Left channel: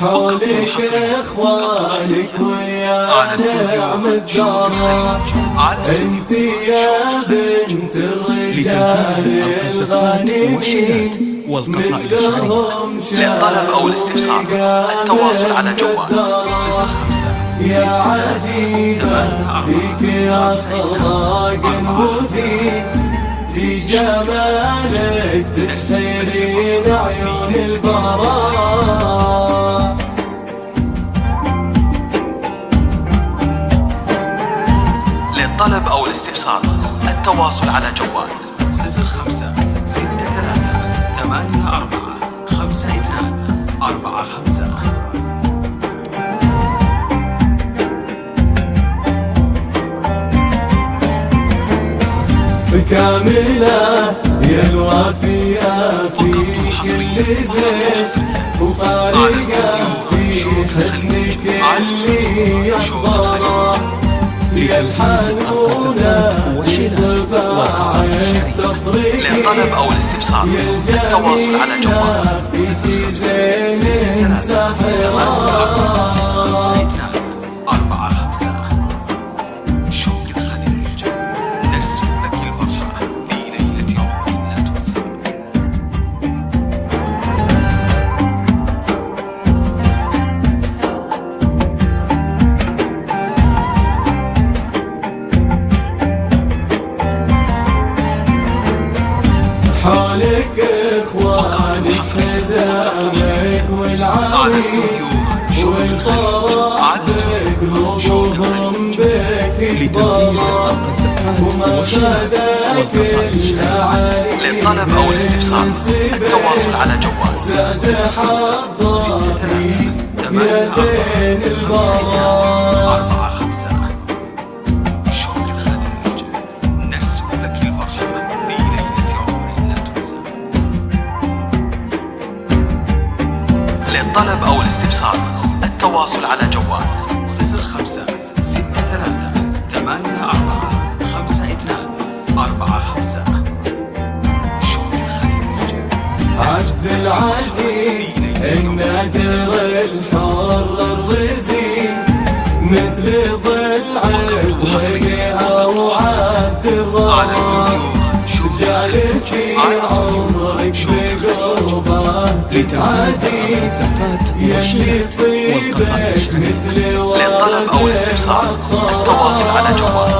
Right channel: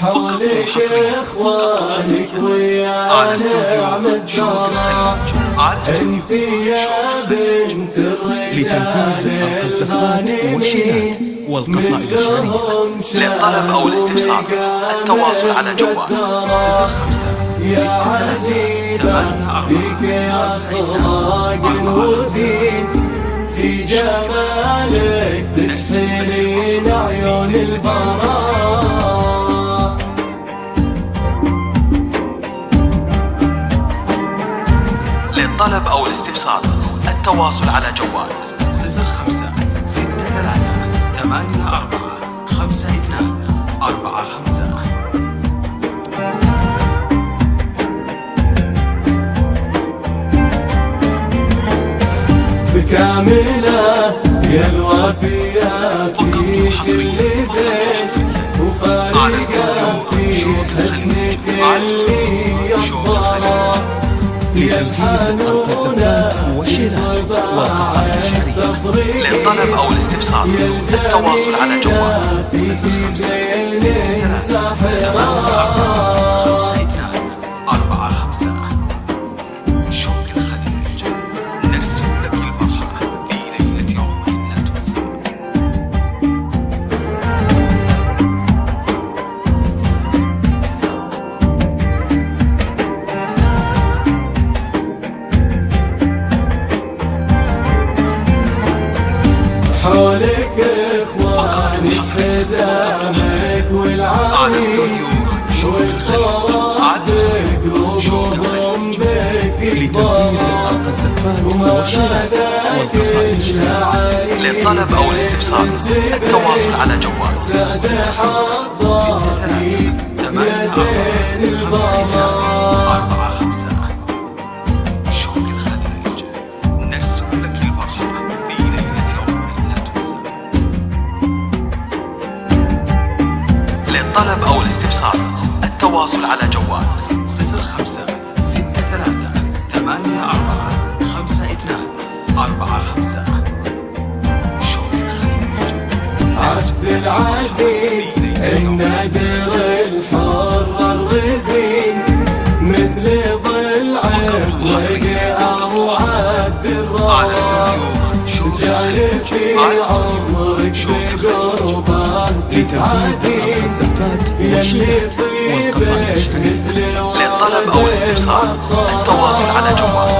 فقط وحصريا على استوديو شوق الخليج، لتنفيذ أرقى الزفات والشيلات والقصائد الشعرية. للطلب أو الاستفسار التواصل على جوال 05 63 84 52 45. نرسم لك الفرحة في ليلة للطلب أو الاستفسار التواصل على جوال 05 63 84 52 45. فقط وحصريا على استوديو شوق الخليج، لتنفيذ أرقى الزفات والشيلات والقصائد الشعرية. للطلب أو الاستفسار التواصل على جوال 05 63 84 52 45. شوق الخليج، نرسم لك الفرحة في ليلة عمر لا تنسى. فقط وحصريا على استوديو شوق الخليج، لتنفيذ أرقى الزفات والشيلات والقصائد الشعرية. للطلب أو الاستفسار التواصل على جوال 05 63 84 52 45. شوق الخليج، نرسم لك الفرحة في ليلة عمر لا تنسى. للطلب أو الاستفسار التواصل على جوال 05 63 84 52 45. شوق الخليج، نرسم لك الفرحة في ليلة عمر. فقط وحصريا على استوديو شوق الخليج، لتنفيذ أرقى الزفات والشيلات والقصائد الشعرية. للطلب أو الاستفسار التواصل على جوال